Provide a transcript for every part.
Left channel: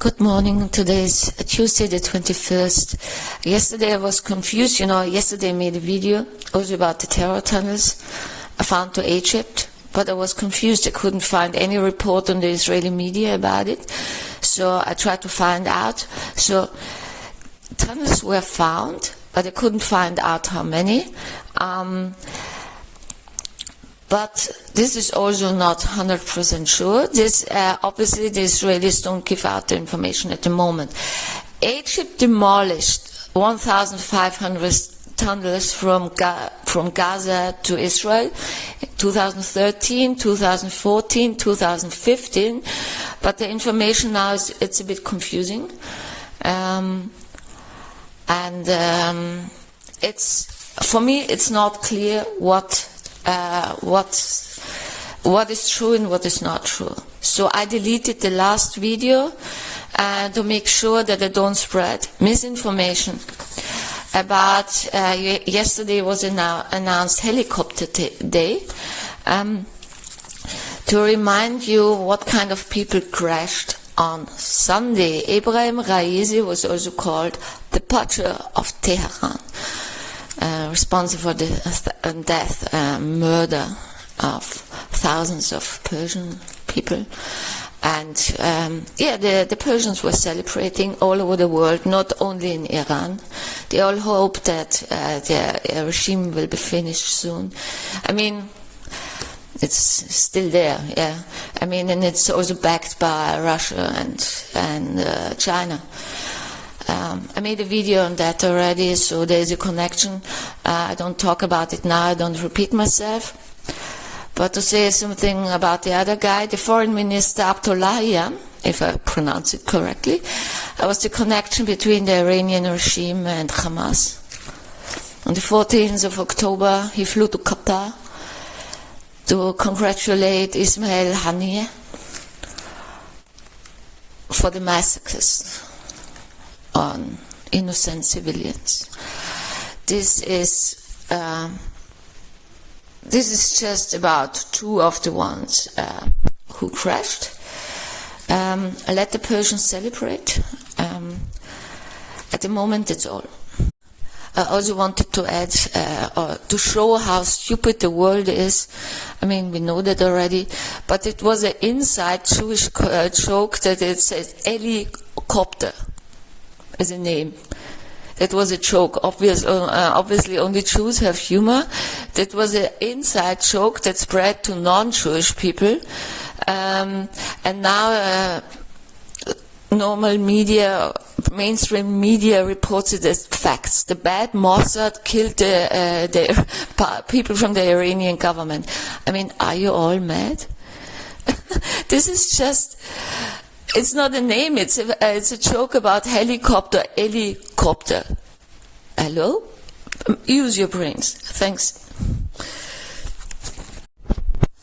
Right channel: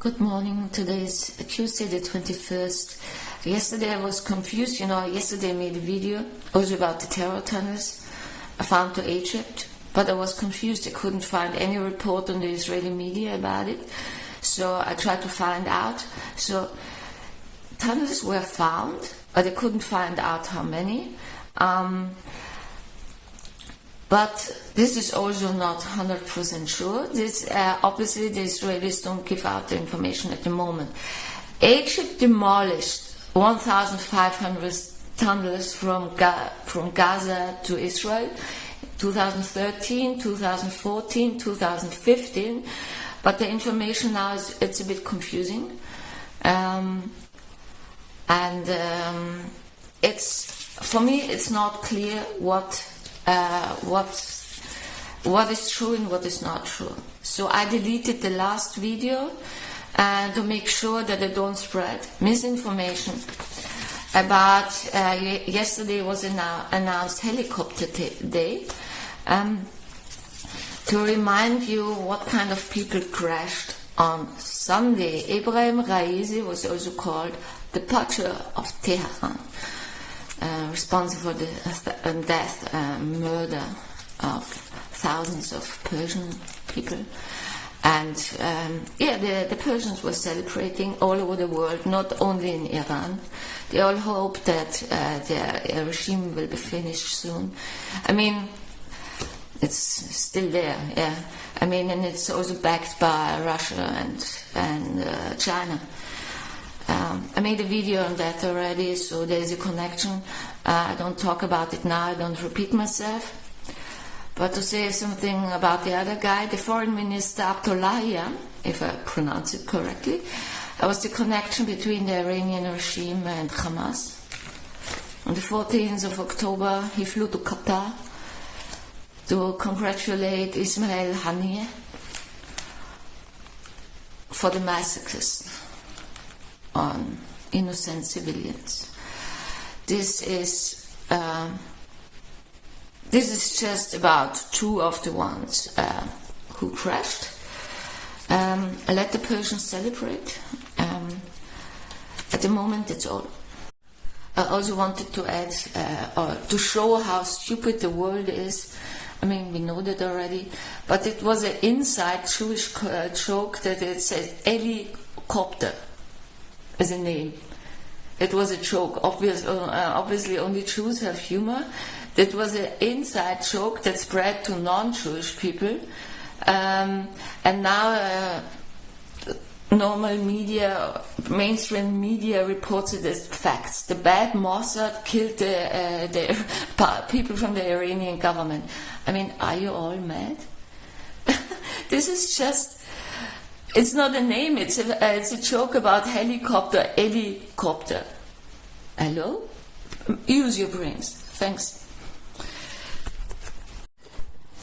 Good morning. Today is Tuesday the 21st. Yesterday I was confused. Yesterday I made a video also about the terror tunnels I found to Egypt, but I was confused. I couldn't find any report on the Israeli media about it. So I tried to find out. So tunnels were found, but I couldn't find out how many. But this is also not 100% sure. Obviously, the Israelis don't give out the information at the moment. Egypt demolished 1,500 tunnels from Gaza to Israel, 2013, 2014, 2015. But the information now it's a bit confusing, for me it's not clear what is true and what is not true. So I deleted the last video to make sure that I don't spread misinformation about yesterday was announced helicopter day, to remind you what kind of people crashed on Sunday. Ebrahim Raisi was also called the butcher of Tehran, responsible for the death, murder of thousands of Persian people. And the Persians were celebrating all over the world, not only in Iran. They all hope that their regime will be finished soon. I mean, it's still there, yeah. I mean, and it's also backed by Russia and China. I made a video on that already, so there's a connection. I don't talk about it now, I don't repeat myself. But to say something about the other guy, the foreign minister Abdullahian, if I pronounce it correctly, was the connection between the Iranian regime and Hamas. On the 14th of October, he flew to Qatar to congratulate Ismail Haniyeh for the massacres on innocent civilians. This is just about two of the ones who crashed. I let the Persians celebrate. At the moment, that's all. I also wanted to add, to show how stupid the world is. I mean, we know that already, but it was an inside Jewish joke that it says helicopter as a name. It was a joke. Obviously, only Jews have humor. That was an inside joke that spread to non-Jewish people, and now normal media, mainstream media, reports it as facts. The bad Mossad killed the people from the Iranian government. I mean, are you all mad? This is just. It's not a name, it's a joke about helicopter. Hello? Use your brains. Thanks.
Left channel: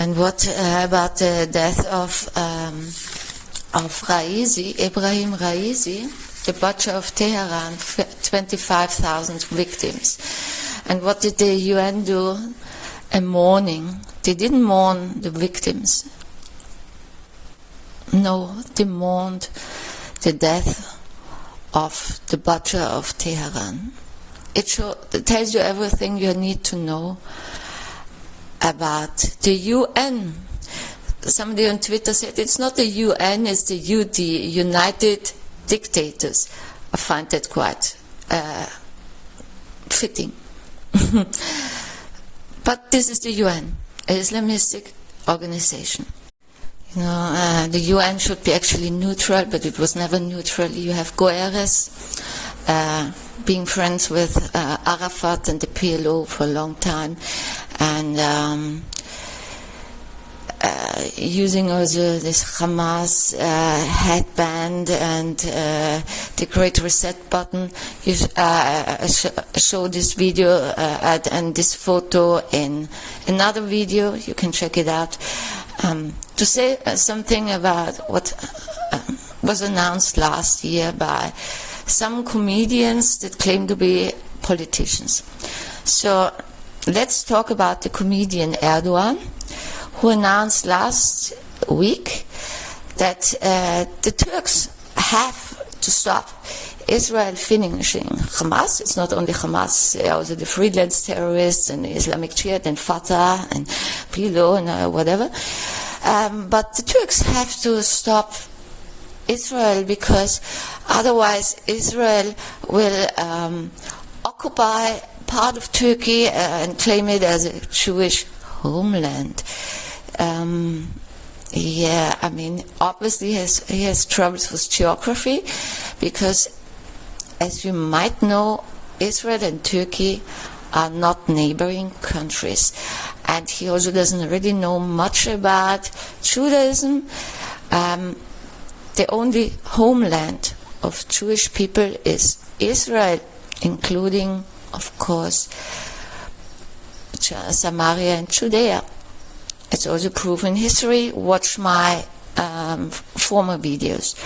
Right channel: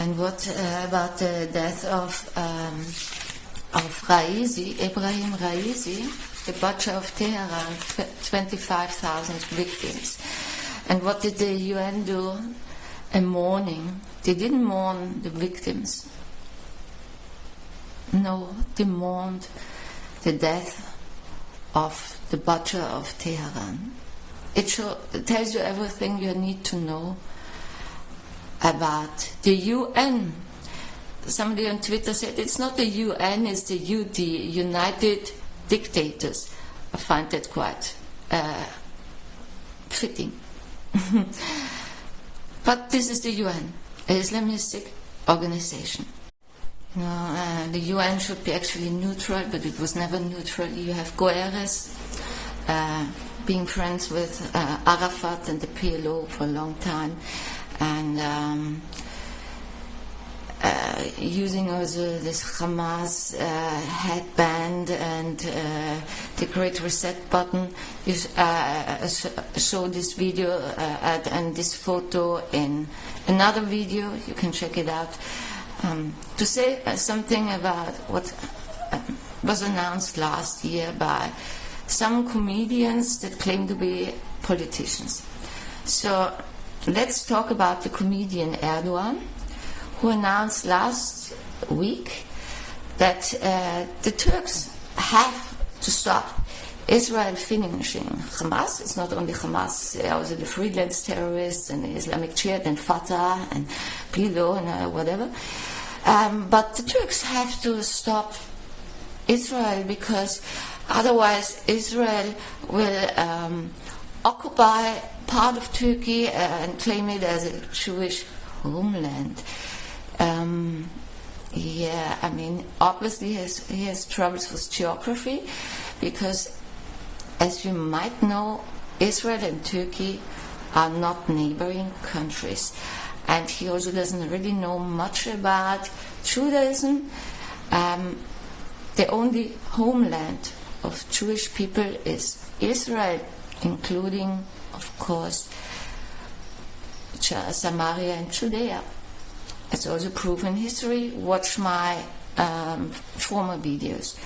And what about the death of Ebrahim Raisi, the butcher of Tehran, 25,000 victims. And what did the UN do? A mourning. They didn't mourn the victims. No, they mourned the death of the butcher of Tehran. It tells you everything you need to know about the UN. Somebody on Twitter said it's not the UN, it's the UD, United Dictators. I find that quite fitting. But this is the UN, an Islamistic organization. The UN should be actually neutral, but it was never neutral. You have Guterres being friends with Arafat and the PLO for a long time, and using also this Hamas headband and the Great Reset button. You show this video and this photo in another video. You can check it out. To say something about what was announced last year by some comedians that claim to be politicians. So let's talk about the comedian Erdogan, who announced last week that the Turks have to stop Israel finishing Hamas. It's not only Hamas, also the freelance terrorists and Islamic Jihad and Fatah and PLO and whatever. But the Turks have to stop Israel, because otherwise Israel will occupy part of Turkey and claim it as a Jewish homeland. Yeah, I mean, obviously he has troubles with geography, because, as you might know, Israel and Turkey are not neighboring countries. And he also doesn't really know much about Judaism. The only homeland of Jewish people is Israel, including, of course, Samaria and Judea. It's also proven in history. Watch my former videos.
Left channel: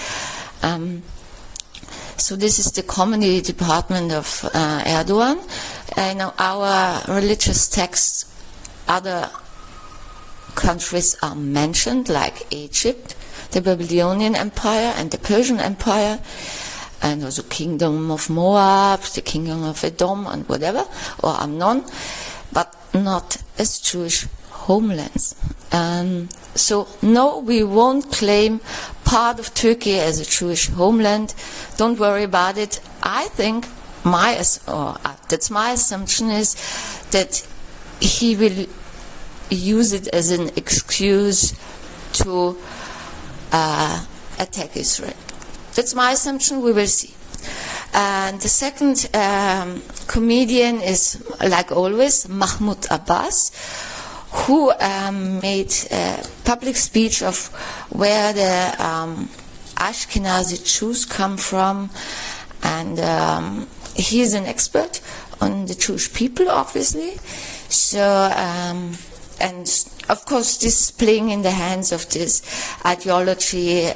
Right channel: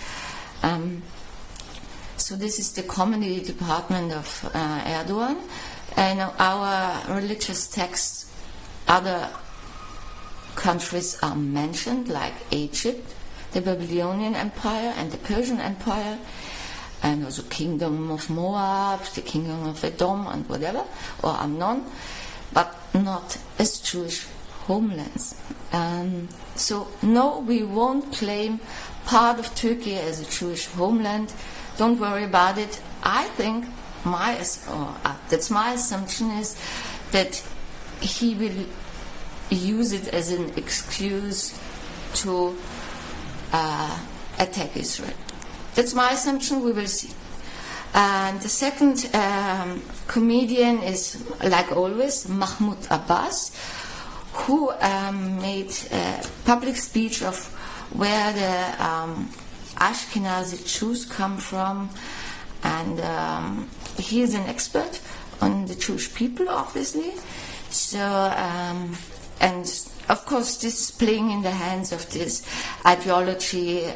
So this is the comedy department of Erdogan. In our religious texts, other countries are mentioned, like Egypt, the Babylonian Empire and the Persian Empire, and also Kingdom of Moab, the Kingdom of Edom and whatever, or Ammon, but not as Jewish homelands. So no, we won't claim part of Turkey as a Jewish homeland. Don't worry about it. I think that's my assumption, is that he will use it as an excuse to attack Israel. That's my assumption. We will see. And the second comedian is, like always, Mahmoud Abbas, who made a public speech of where the Ashkenazi Jews come from, and he is an expert on the Jewish people, obviously. So, and of course, this is playing in the hands of this ideology.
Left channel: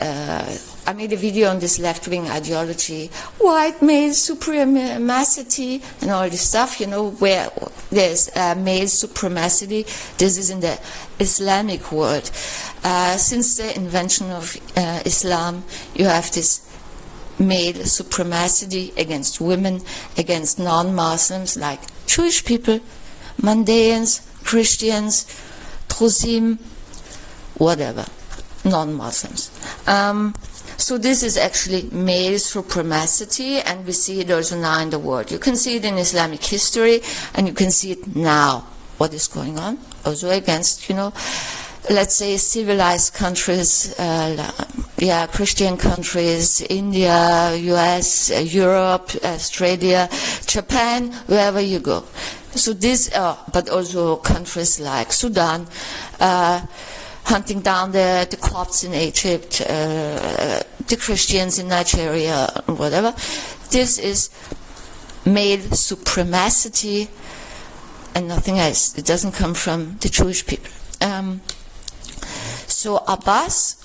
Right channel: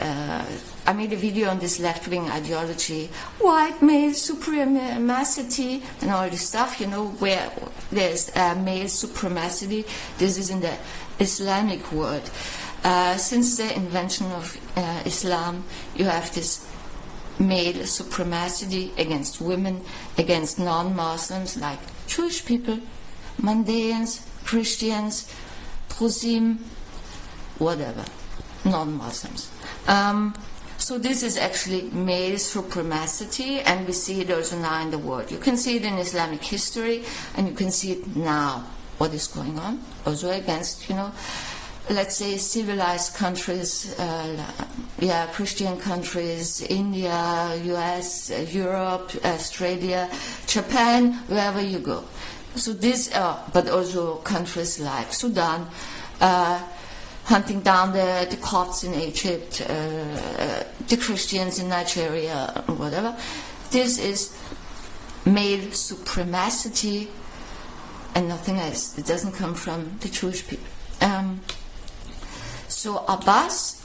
I made a video on this left-wing ideology, white male supremacy, and all this stuff, you know, where there's male supremacy. This is in the Islamic world. Since the invention of Islam, you have this male supremacy against women, against non-Muslims, like Jewish people, Mandaeans, Christians, Drusim, whatever, non-Muslims. So this is actually male supremacy, and we see it also now in the world. You can see it in Islamic history, and you can see it now, what is going on, also against, you know, let's say civilized countries, Christian countries, India, US, Europe, Australia, Japan, wherever you go. So this, but also countries like Sudan, hunting down the Copts in Egypt, the Christians in Nigeria, whatever. This is male supremacy and nothing else. It doesn't come from the Jewish people. So Abbas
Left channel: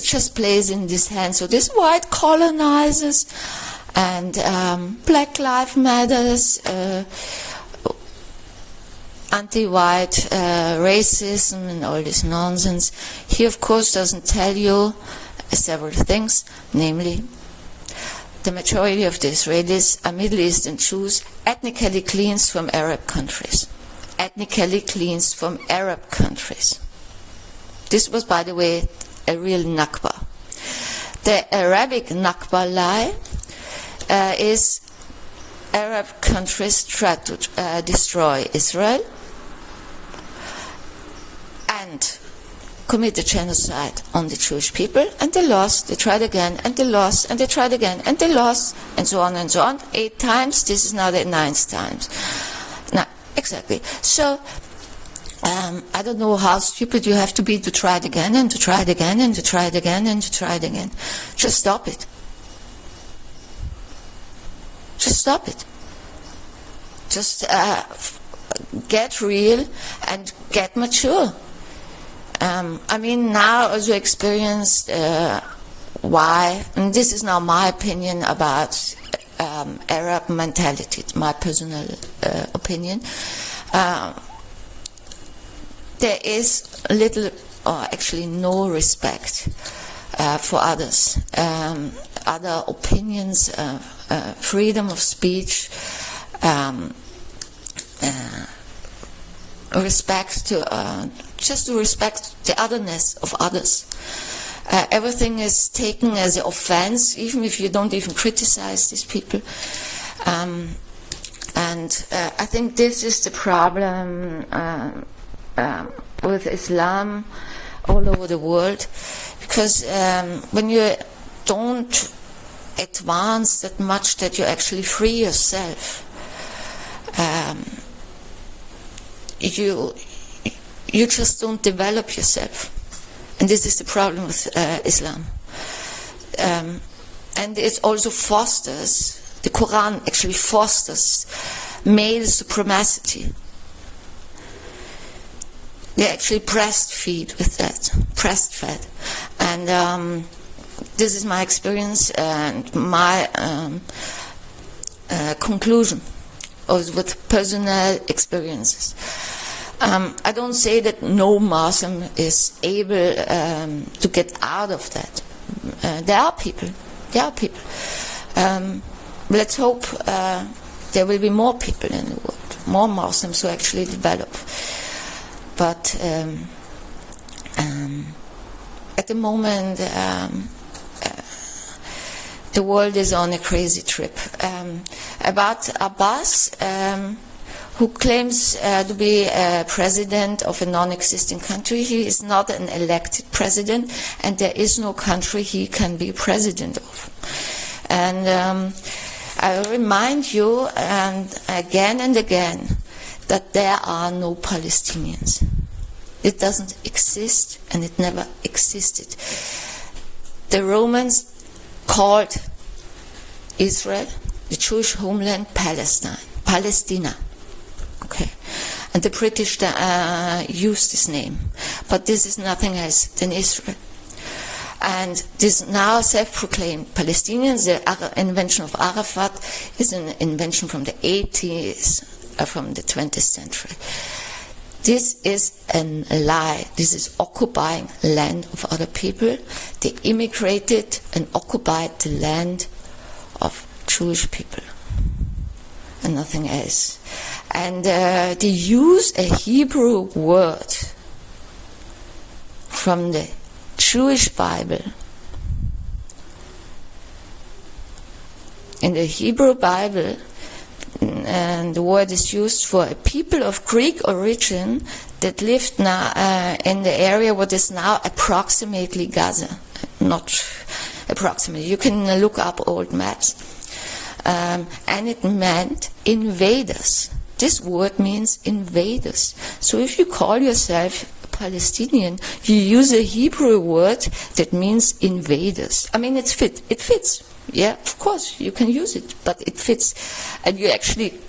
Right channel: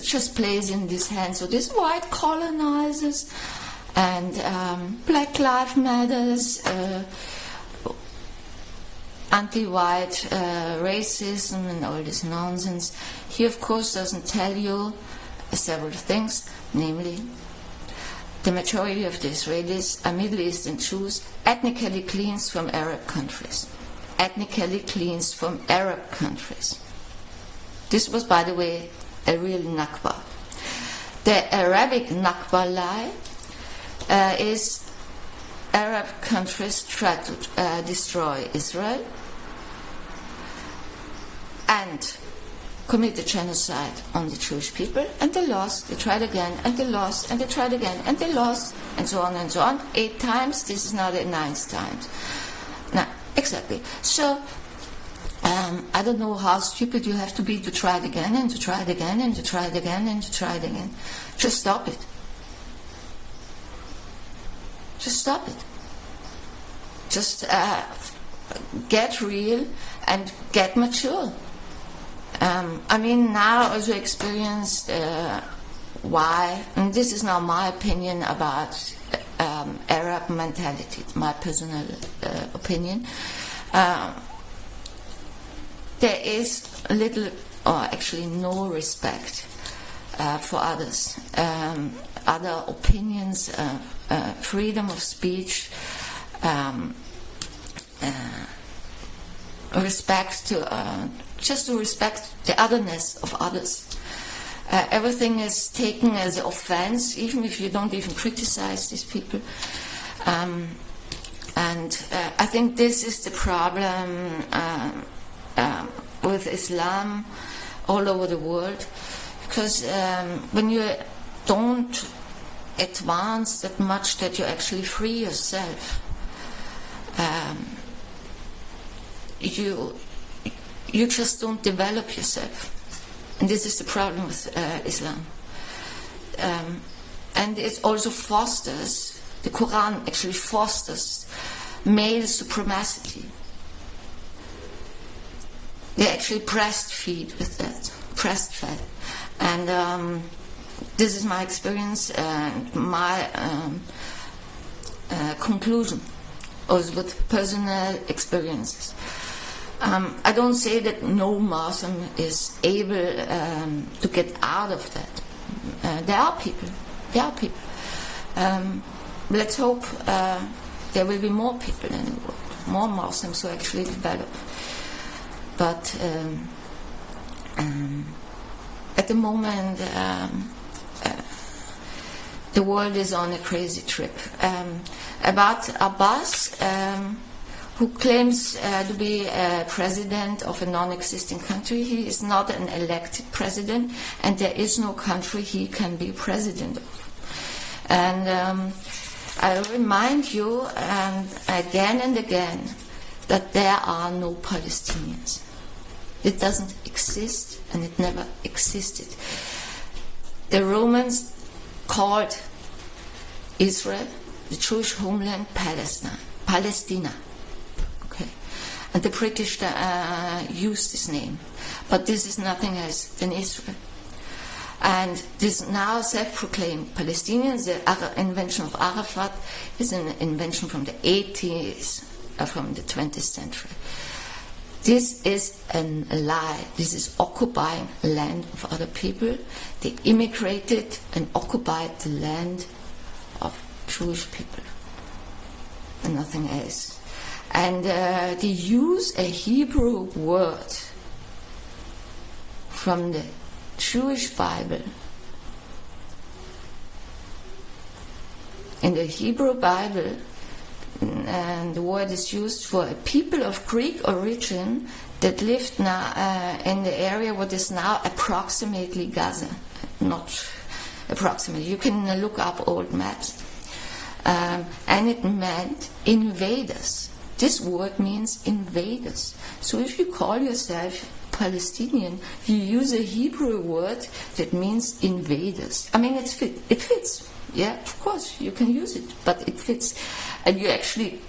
just plays in this hand. So this white colonizers and Black Lives Matters, anti-white racism and all this nonsense. He, of course, doesn't tell you several things, namely, the majority of the Israelis are Middle Eastern Jews, ethnically cleansed from Arab countries. Ethnically cleansed from Arab countries. This was, by the way, a real Nakba. The Arabic Nakba lie is Arab countries try to destroy Israel and commit a genocide on the Jewish people, and they lost, they tried again, and they lost, and they tried again, and they lost, and so on and so on. 8 times, this is now the 9th time. Now, exactly. So, I don't know how stupid you have to be to try it again, and to try it again, and to try it again, and to try it again. Just stop it. Just stop it. Just get real and get mature. I mean, now I also experienced why, and this is now my opinion about Arab mentality, my personal opinion. There is little, or actually no respect for others, other opinions, freedom of speech, respect to just to respect the otherness of others. Everything is taken as an offense, even if you don't even criticize these people. And I think this is the problem with Islam all over the world, because when you don't advance that much that you actually free yourself, you just don't develop yourself. And this is the problem with Islam. And it also fosters, the Quran actually fosters male supremacy. They actually breastfeed with that, breastfed. And this is my experience and my conclusion, also with personal experiences. I don't say that no Muslim is able to get out of that. There are people. Let's hope there will be more people in the world, more Muslims who actually develop. But at the moment, the world is on a crazy trip. About Abbas, who claims to be president of a non-existing country. He is not an elected president, and there is no country he can be president of. And I remind you, and again, that there are no Palestinians. It doesn't exist, and it never existed. The Romans called Israel, the Jewish homeland, Palestina. Okay. And the British used this name. But this is nothing else than Israel. And this now self-proclaimed Palestinians, the invention of Arafat, is an invention from the 80s, from the 20th century. This is a lie. This is occupying land of other people. They immigrated and occupied the land of Jewish people, and nothing else. And they use a Hebrew word from the Jewish Bible. In the Hebrew Bible, and the word is used for a people of Greek origin that lived now in the area what is now approximately Gaza. Not approximately. You can look up old maps. And it meant invaders. This word means invaders. So if you call yourself Palestinian, you use a Hebrew word that means invaders. I mean, it fits. Yeah, of course, you can use it, but it fits. And you actually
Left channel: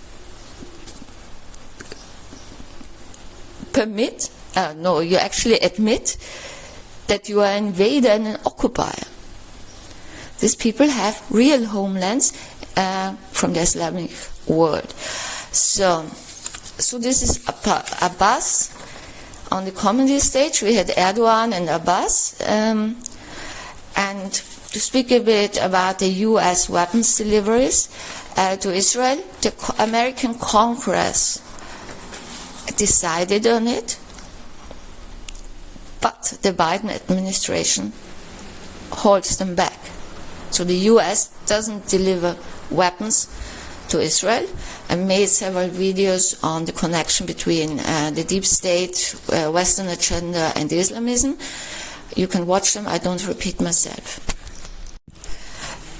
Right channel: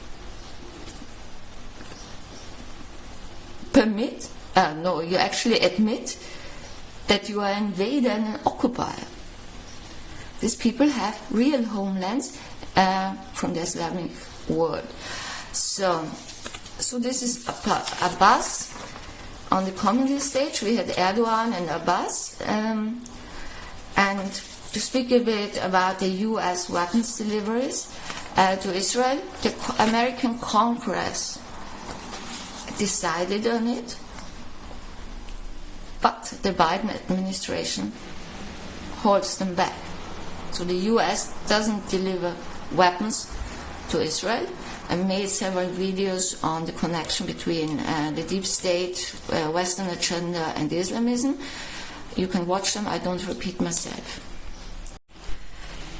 you actually admit that you are an invader and an occupier. These people have real homelands from the Islamic world. So this is Abbas. On the comedy stage, we had Erdogan and Abbas. And to speak a bit about the U.S. weapons deliveries to Israel, the American Congress decided on it, but the Biden administration holds them back. So the U.S. doesn't deliver weapons to Israel, and made several videos on the connection between the deep state, Western agenda, and Islamism. You can watch them. I don't repeat myself.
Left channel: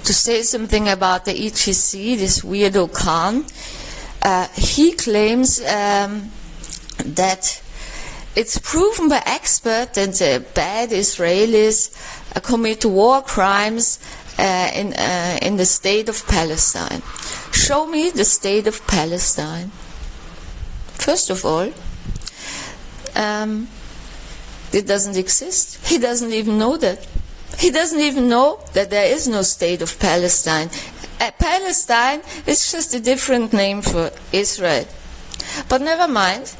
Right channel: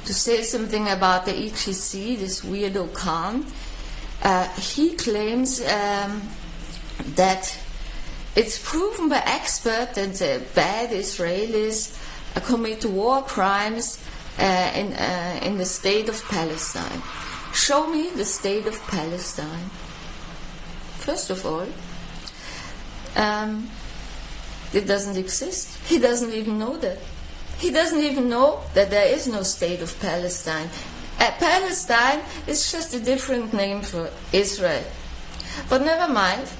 To say something about the IJC, this weirdo Khan, he claims that it's proven by experts that the bad Israelis commit war crimes in the state of Palestine. Show me the state of Palestine. First of all, it doesn't exist. He doesn't even know that. He doesn't even know that there is no state of Palestine. Palestine is just a different name for Israel. But never mind.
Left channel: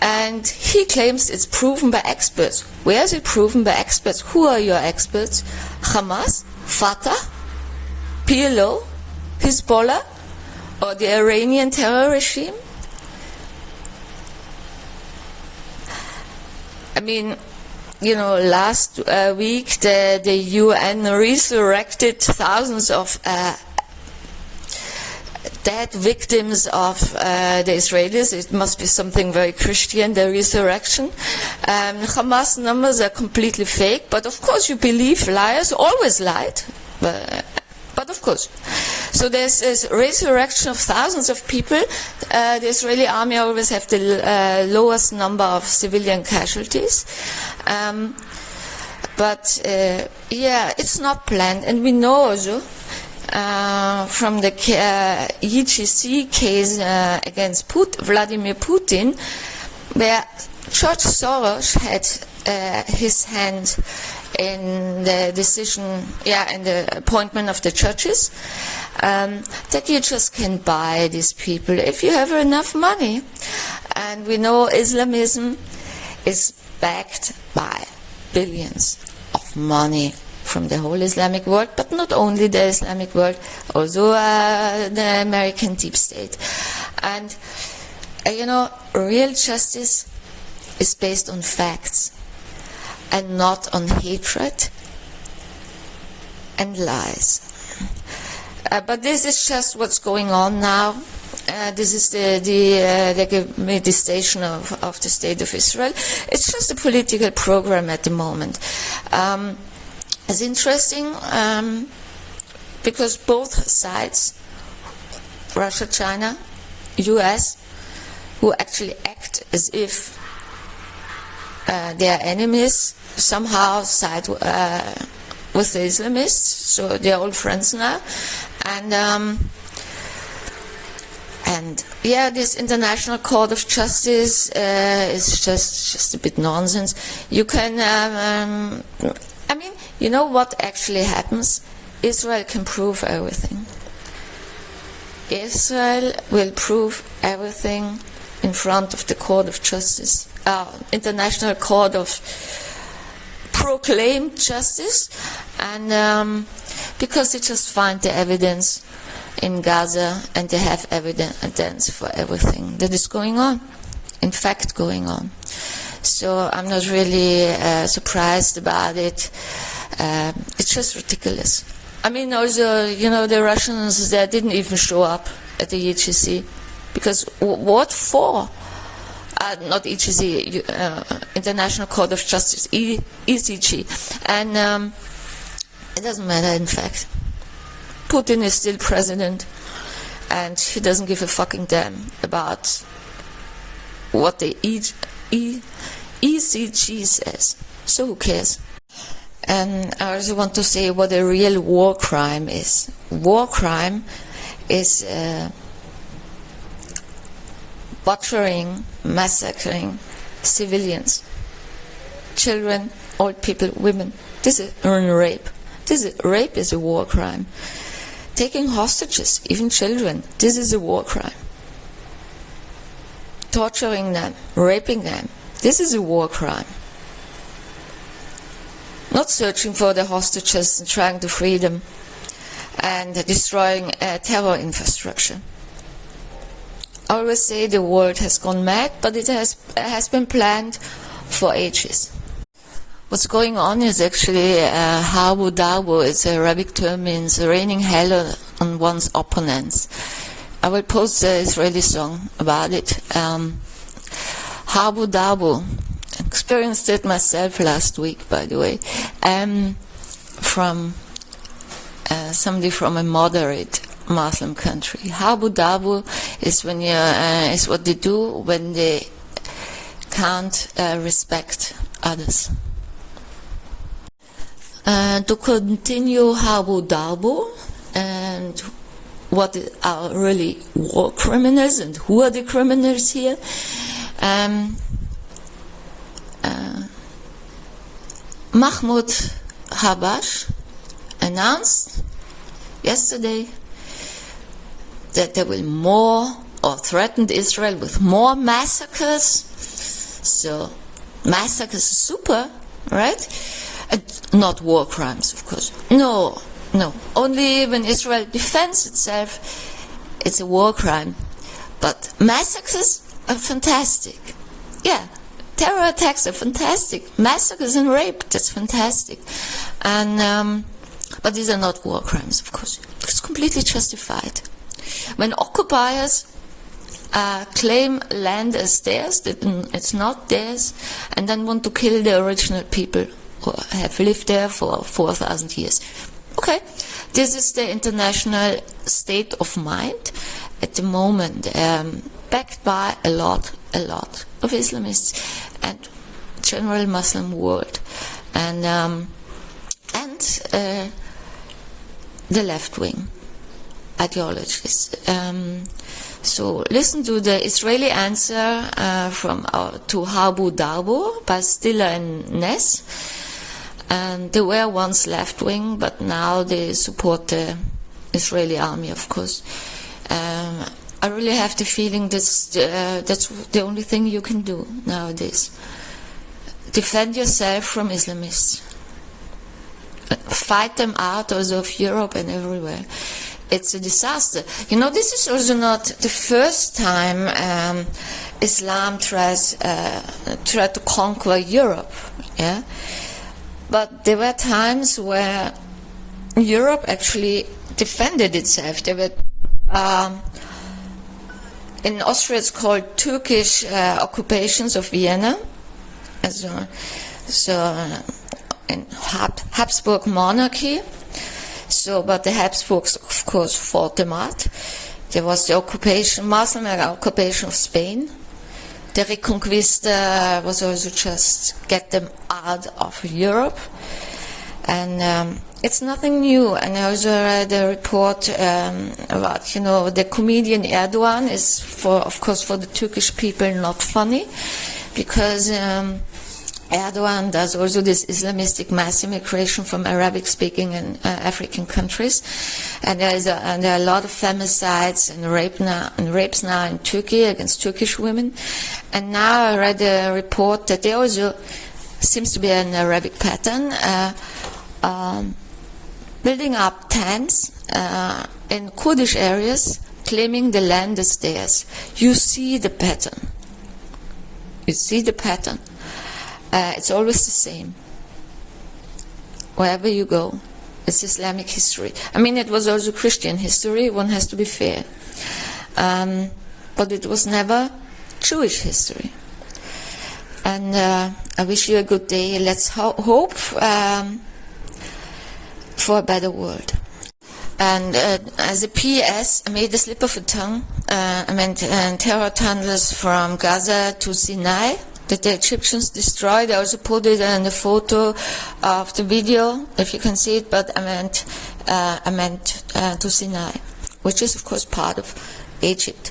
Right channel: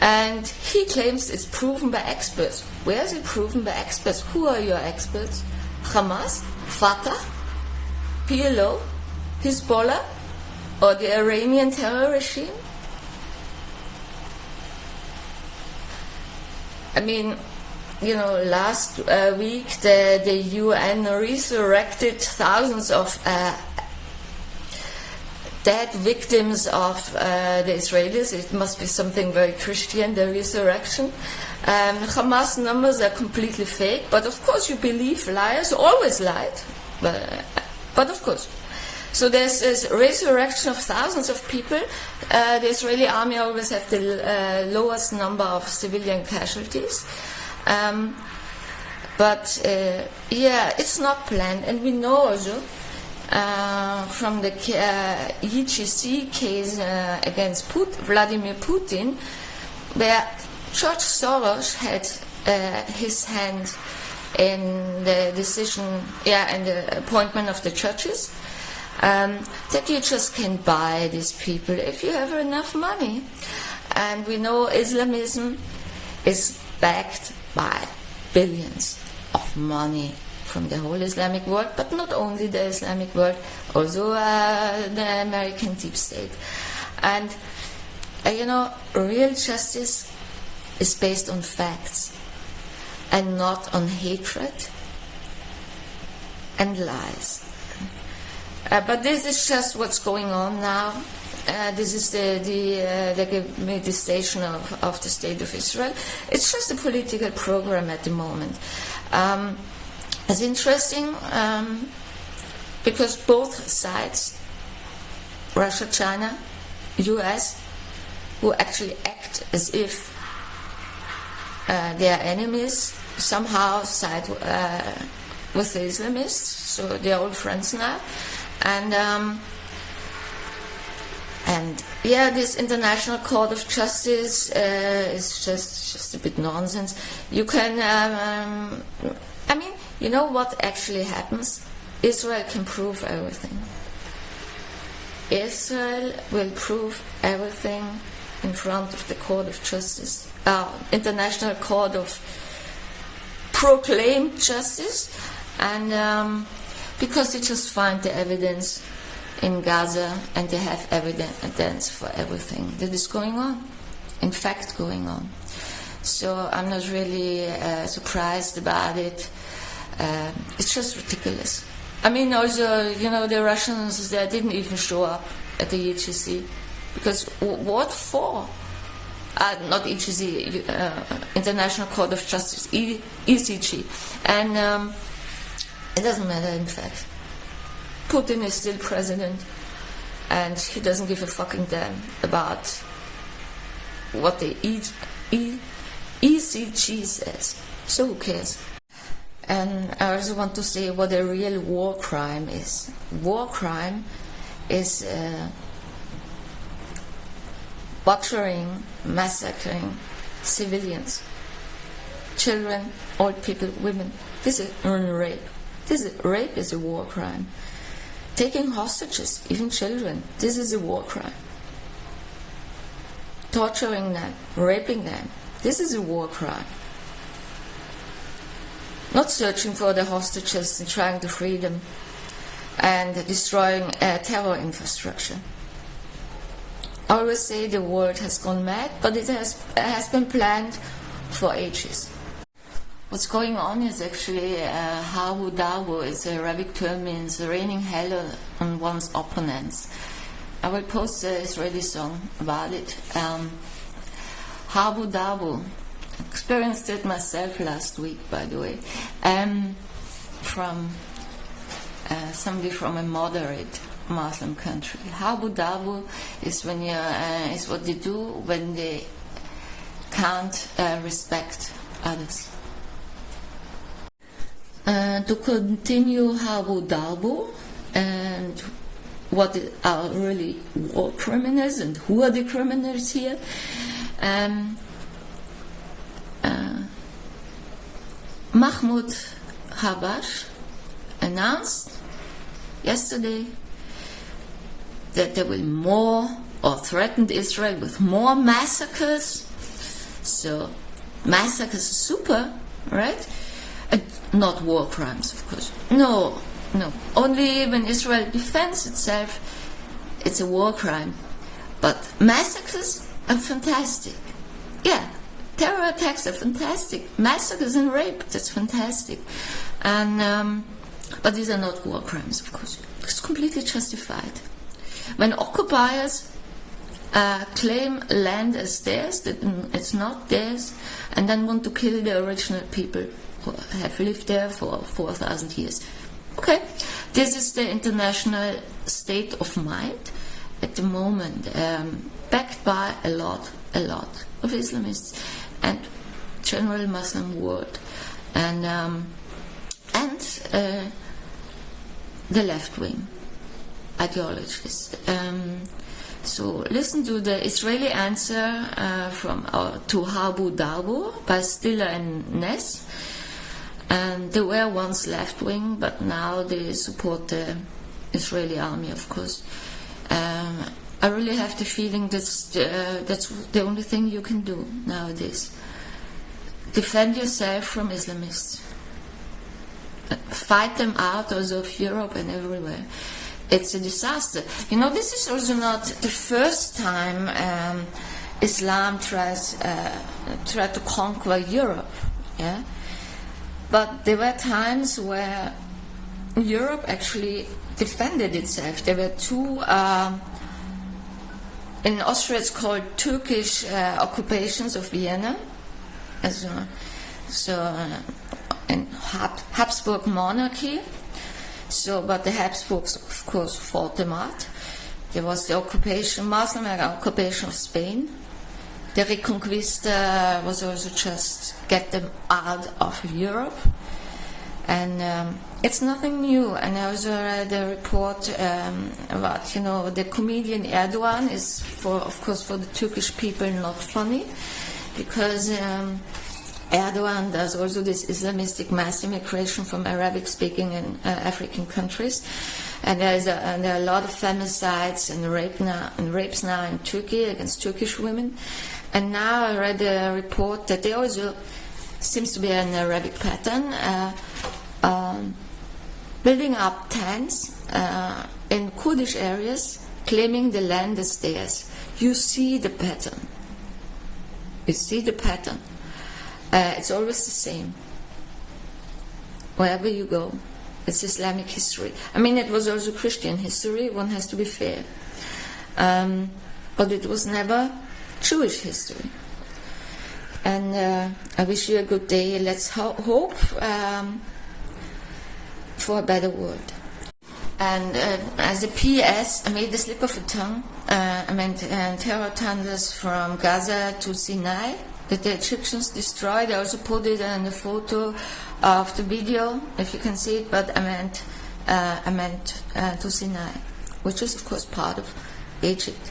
And he claims it's proven by experts. Where is it proven by experts? Who are your experts? Hamas, Fatah, PLO, Hezbollah, or the Iranian terror regime? I mean, you know, last week the UN resurrected thousands of dead victims of the Israelis. It must be something very Christian, the resurrection. Hamas numbers are completely fake, but of course you believe liars always lied. But of course. So there's this resurrection of thousands of people. The Israeli army always have the lowest number of civilian casualties. But yeah, it's not planned. And we know also from the IJC case against Vladimir Putin, where George Soros had his hand in the decision, and the appointment of the judges, that you just can buy these people if you have enough money. And we know Islamism is backed by billions of money from the whole Islamic world, but not only the Islamic world, also the American deep state. And you know, real justice is based on facts and not on hatred and lies. But this is just what's going on now. This is the legitimization of the State of Israel. It's just a political program at the moment. It's interesting because both sides, Russia, China, US, who actually act as if they are enemies, somehow side with the Islamists, so they're all friends now. And yeah, this International Court of Justice is just a bit nonsense. You can, I mean, you know what actually happens? Israel can prove everything. Israel will prove everything in front of the Court of Justice, International Court of Proclaimed Justice, and because they just find the evidence in Gaza, and they have evidence for everything that is going on, in fact going on. So I'm not really surprised about it. It's just ridiculous. I mean, also, you know, the Russians, they didn't even show up at the IJC, because what for? Not IJC, International Court of Justice, ICJ. And it doesn't matter, in fact. Putin is still president, and he doesn't give a fucking damn about what the ICJ says. So who cares? And I also want to say what a real war crime is. War crime is butchering, massacring civilians, children, old people, women. This is rape. Rape is a war crime. Taking hostages, even children, this is a war crime. Torturing them, raping them, this is a war crime. Not searching for the hostages and trying to free them, and destroying terror infrastructure. I always say the world has gone mad, but it has been planned for ages. What's going on is actually Habu Dabu. It's an Arabic term, means raining hell on one's opponents. I will post the Israeli song about it. Habu Dabu. Experienced it myself last week, by the way, from somebody from a moderate Muslim country. Habu Dabu is when is what they do when they can't respect others. To continue Habu Dabu and what are really war criminals and who are the criminals here. Mahmoud Abbas announced yesterday that there will more, or threatened Israel with more massacres So massacres are super, right? And not war crimes, of course. No. Only when Israel defends itself, it's a war crime. But massacres are fantastic. Yeah, terror attacks are fantastic. Massacres and rape, that's fantastic. And but these are not war crimes, of course. It's completely justified. When occupiers claim land as theirs, that it's not theirs, and then want to kill the original people who have lived there for 4,000 years. Okay, this is the international state of mind at the moment, backed by a lot of Islamists and general Muslim world, and the left-wing ideologies. So listen to the Israeli answer to Harbu Darbo by Stiller and Ness. And they were once left-wing, but now they support the Israeli army, of course. I really have the feeling that's the only thing you can do nowadays. Defend yourself from Islamists. Fight them out also of Europe and everywhere. It's a disaster. You know, this is also not the first time Islam tried to conquer Europe. Yeah, but there were times where Europe actually defended itself. There were two. In Austria, it's called Turkish occupations of Vienna. In Habsburg monarchy. So, but the Habsburgs, of course, fought them out. There was the Muslim occupation of Spain. The Reconquista was also just get them out of Europe. And it's nothing new. And I also read a report about, the comedian Erdogan is, of course, for the Turkish people not funny, because Erdogan does also this Islamistic mass immigration from Arabic-speaking and African countries, and there are a lot of femicides and rapes now in Turkey against Turkish women. And now I read a report that there also seems to be an Arabic pattern, building up tents in Kurdish areas, claiming the land is theirs. You see the pattern. It's always the same. Wherever you go, it's Islamic history. I mean, it was also Christian history, one has to be fair. But it was never Jewish history. And I wish you a good day. Let's hope for a better world. And as a PS, I made a slip of a tongue. I meant terror tunnels from Gaza to Sinai that the Egyptians destroyed. I also put it in the photo of the video, if you can see it, but I meant to Sinai, which is of course part of Egypt.